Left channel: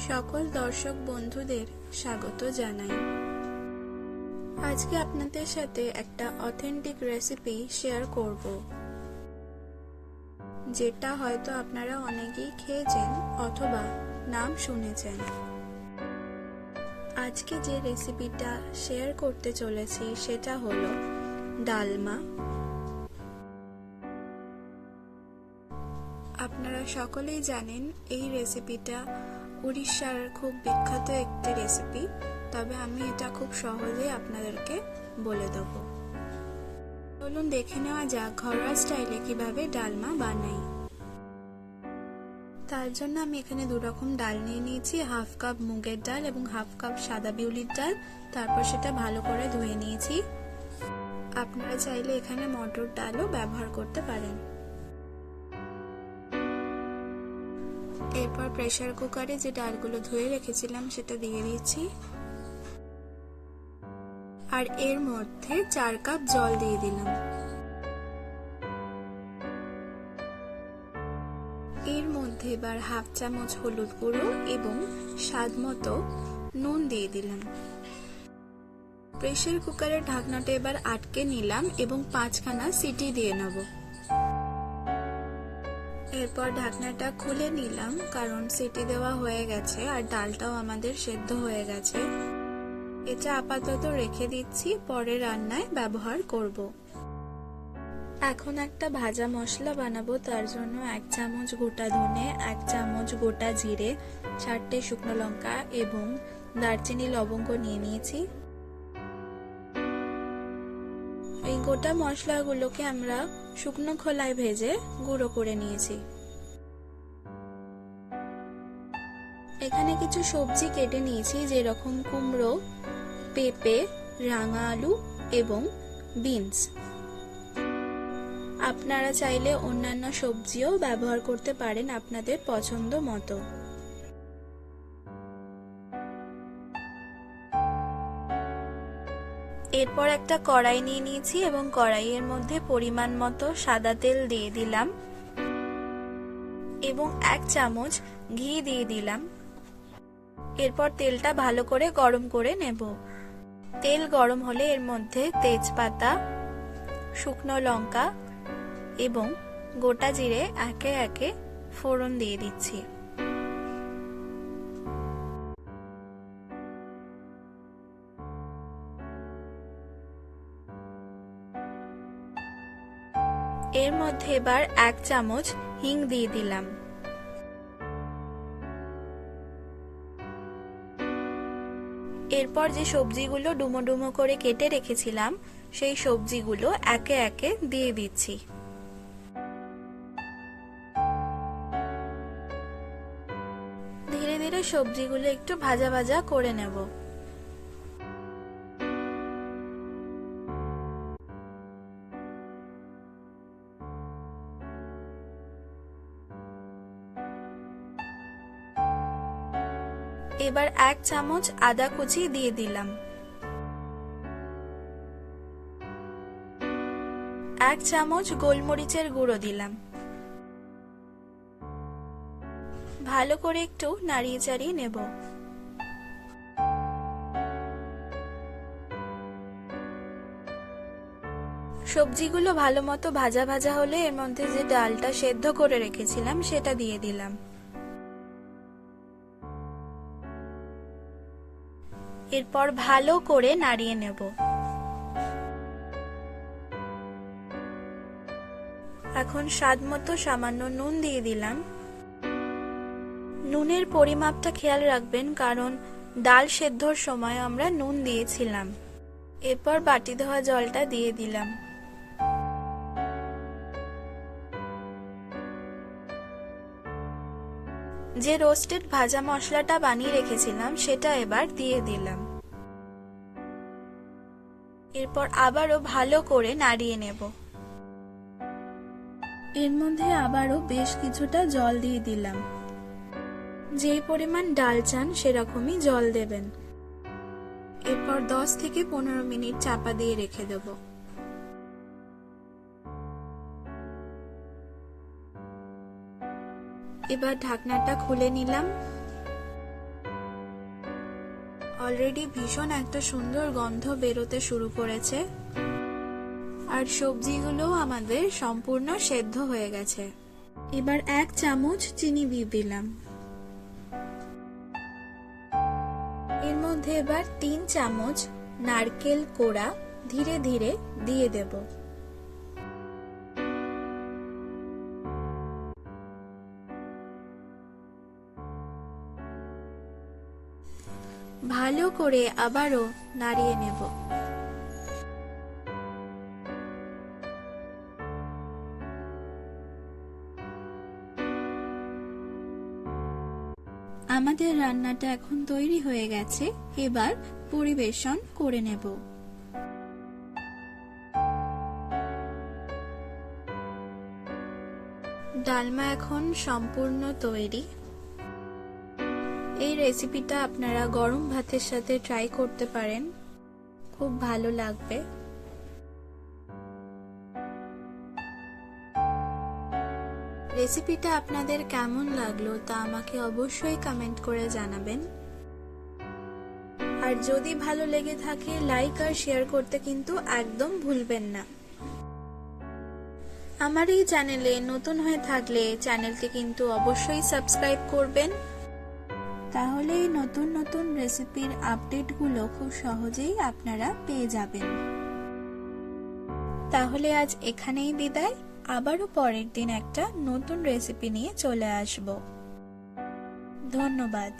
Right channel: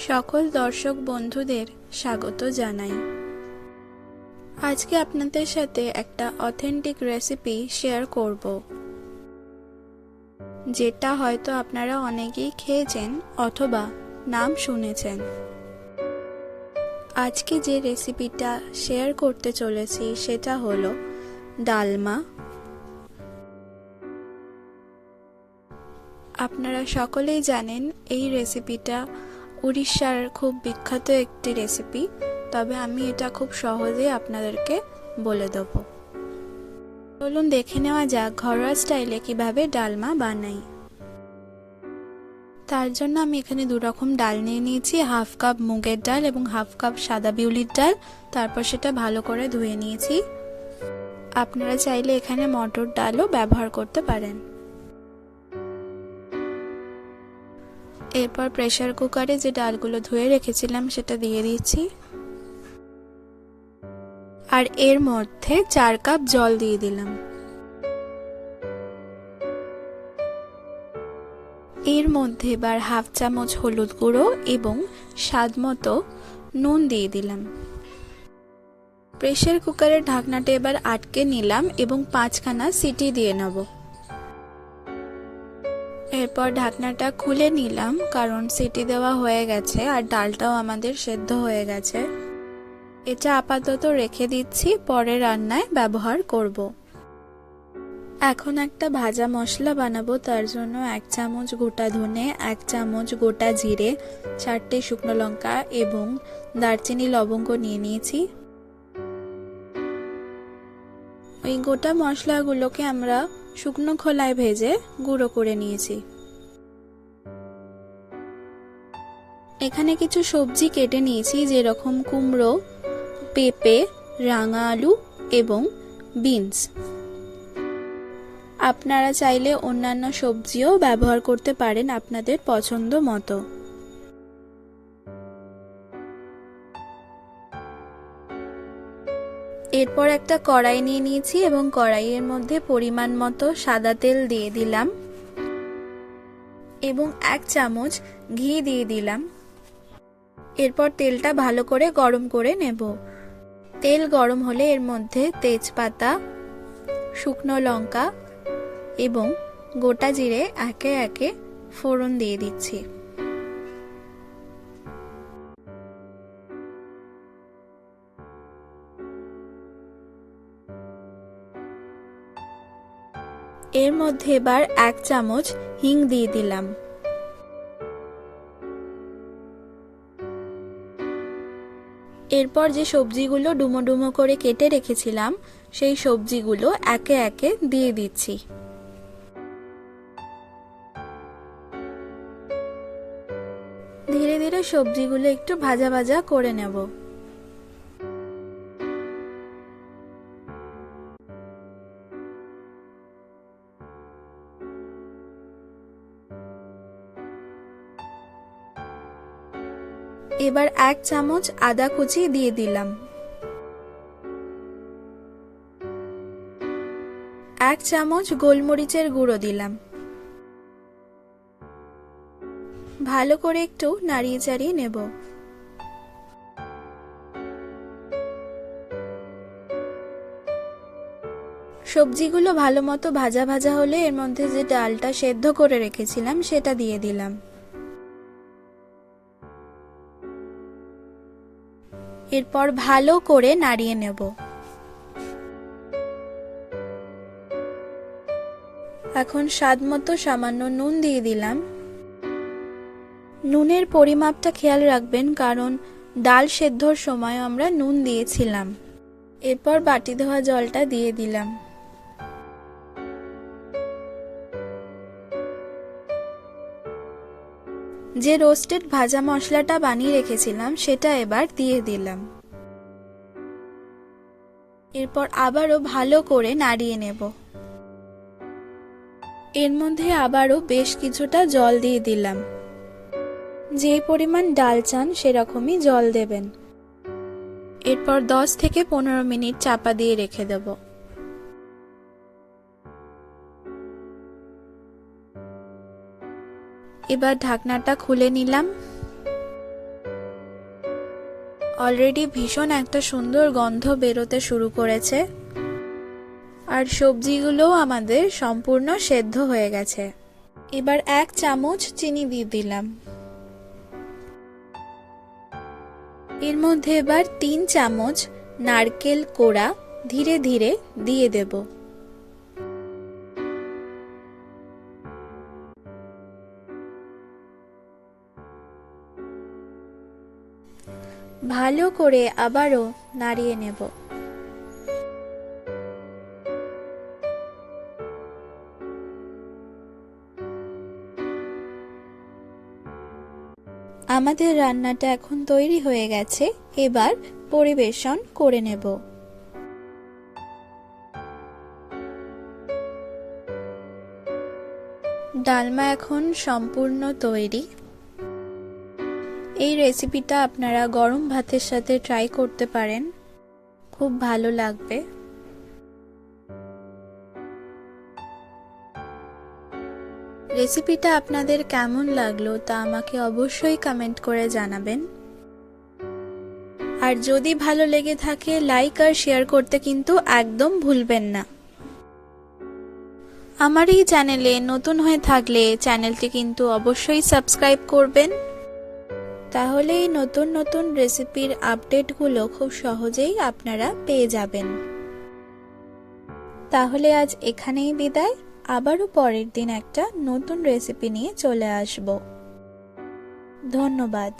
সকল দর্শক বন্ধুদের স্বাগত জানাই। আজকে আপনাদের সাথে একটা অথেন্টিক রেসিপি শেয়ার করব। যেটা হয়তো আপনারা অনেকেই খেয়েছেন অথবা নাম শুনেছেন। আজকে যে রেসিপিটা শেয়ার করতে চলেছি সেটা হলো ডালমা। আপনারা সকলেই জানেন এই রেসিপিটা উড়িষ্যার খুব বিখ্যাত একটি রেসিপি তবে আমি এটা খুব সহজেই আপনাদেরকে বলে দেব। চলুন দেখে নেওয়া যাক ঘরোয়া স্টাইলে কীভাবে ডালমা বানাই। তার জন্য আমি এখানে দু রকম ডাল নিয়ে নিয়েছি, হাফ কাপ মুগের ডাল এবং হাফ কাপ সাদা বিউলির ডাল। তারপর সেটা ভালো করে ধুয়ে নিয়েছি। আপনারা চাইলে এখানে মটর ডালও ব্যবহার করতে পারেন। এরপর প্রেসার কুকারে যে ডালগুলো ধুয়ে রেখেছিলাম সেটা দিয়ে দিচ্ছি আর এর মধ্যে চার কাপ জল দিয়ে দিলাম। এর মধ্যে এবার হাফ চামচ হলুদ গুঁড়ো এবং স্বাদ মতো নুন দিয়ে দিলাম। প্রেসার কুকারের ঢাকনাটা এবার আটকে নিলাম এবং পাঁচখানা সিটি দিয়ে নেব। এরপর ঢাকনাটা খুলে নিলাম, কারণ সিটি দেওয়া হয়ে গেছে আর ডালটাও আমাদের সেদ্ধ হয়ে গেছে। এটা আপাতত রেখে দিচ্ছি, পরে রান্নায় ব্যবহার করব। এখন একটা ভাজা মশলা বানাবো, তার জন্য এক চামচ গোটা ধনে, এক চামচ গোটা জিরে, চারটে শুকনো লঙ্কা এবং দারচিনি লবঙ্গ নিয়ে নিয়েছি। এই গোটা মশলাগুলোকে আমরা শুকনো খোলায় ভেজে গুঁড়ো করে নিয়েছি। এখানে কিছু সবজি কেটে নিয়েছি, যেরকম কুমড়ো, পেঁপে, রাঙা আলু এবং বিনস। আপনারা চাইলে অন্যান্য সবজিও ব্যবহার করতে পারেন আপনাদের পছন্দ মতো। এরপর একটা কড়াই নিয়ে নিয়েছি এবং কড়াইয়ের মধ্যে পরিমাণ মতো সাদা তেল দিয়ে দিলাম এবং এক চামচ ঘি দিয়ে দিলাম। এরপর তেলটা ভালো করে গরম করে নেব। তেল গরম হলে এর মধ্যে তেজপাতা, শুকনো লঙ্কা এবং গোটা জিরে একে একে ফোড়ন দিয়ে দিচ্ছি। এর মধ্যে এবার এক চামচ হিং দিয়ে দিলাম। এরপর যে সবজিগুলো ডুমো ডুমো করে কেটে রেখেছিলাম, সেই সবজিগুলো একে একে দিয়ে দিচ্ছি। ধীরে ধীরে সবজিগুলো একটু ভাজা ভাজা করে নেব। এবার এক চামচ আদা কুচি দিয়ে দিলাম। এক চামচ গোলমরিচের গুঁড়ো দিলাম। ভালো করে একটু নাড়িয়ে চাড়িয়ে নেব। সবজিগুলো ভালো মতো ভাজা ভাজা হলে এর মধ্যে যে ডালটা সেদ্ধ করে রেখেছিলাম সেটা দিয়ে দিলাম। এরপর ভালো করে নাড়িয়ে নেব। এখন স্বাদ মতো সামান্য নুন দিয়ে দিলাম। নুনের পরিমাপটা খেয়াল রাখবেন, কারণ ডাল সেদ্ধর সময় আমরা নুন দিয়েছিলাম। এরপর বাটি ধোয়া জলটা দিয়ে দিলাম। যে রোস্টেড ভাজা মশলাটা বানিয়ে রেখেছিলাম, সেটা এবার দিয়ে দিলাম। এরপর আবারও ভালো করে নাড়িয়ে নেব। এর মধ্যে আবারও বেশ কিছুটা জল দিয়ে দিলাম। যে পরিমাণ ডাল চান, সেরকমই জল দেবেন। এরপর দশ থেকে পনেরো মিনিট চাপা দিয়ে রেখে দেবো। এবার ঢাকনাটা খুলে নিলাম। অলরেডি ভীষণ একটা সুন্দর গন্ধ বেরোতে শুরু করেছে। আর সবজিগুলোও আমাদের সম্পূর্ণ সেদ্ধ হয়ে গেছে। এবার এক চামচ চিনি দিয়ে দিলাম। এর মধ্যে এবার তিন চামচ নারকেল কোড়া ধীরে ধীরে দিয়ে দেব। ভালো করে আবারও নাড়িয়ে নেব। আমাদের রান্নাটা এখন তৈরি হয়ে গেছে, এবার পরিবেশন করে নেব। ডালমা এখন সম্পূর্ণ তৈরি। এই রেসিপিটা আপনারা গরম ভাতের সাথে ট্রাই করতে পারেন। খুব ভালো লাগবে। রেসিপিটা আপনাদের কেমন লাগল তা আমাকে অবশ্যই কমেন্ট করে জানাবেন। আর যদি ভালো লেগে থাকে লাইক আর শেয়ার করতে কিন্তু একদম ভুলবেন না। আমার এই চ্যানেলে নতুন হয়ে থাকলে চ্যানেলটি কিন্তু অবশ্যই সাবস্ক্রাইব করবেন। তাহলে এই নতুন নতুন রেসিপির আপডেটগুলো খুব সহজেই আপনারা পেয়ে যাবেন। তাহলে আজ এখানেই বিদায়। আবারও পরের দিন একটা নতুন রেসিপি নিয়ে চলে আসব। ধন্যবাদ।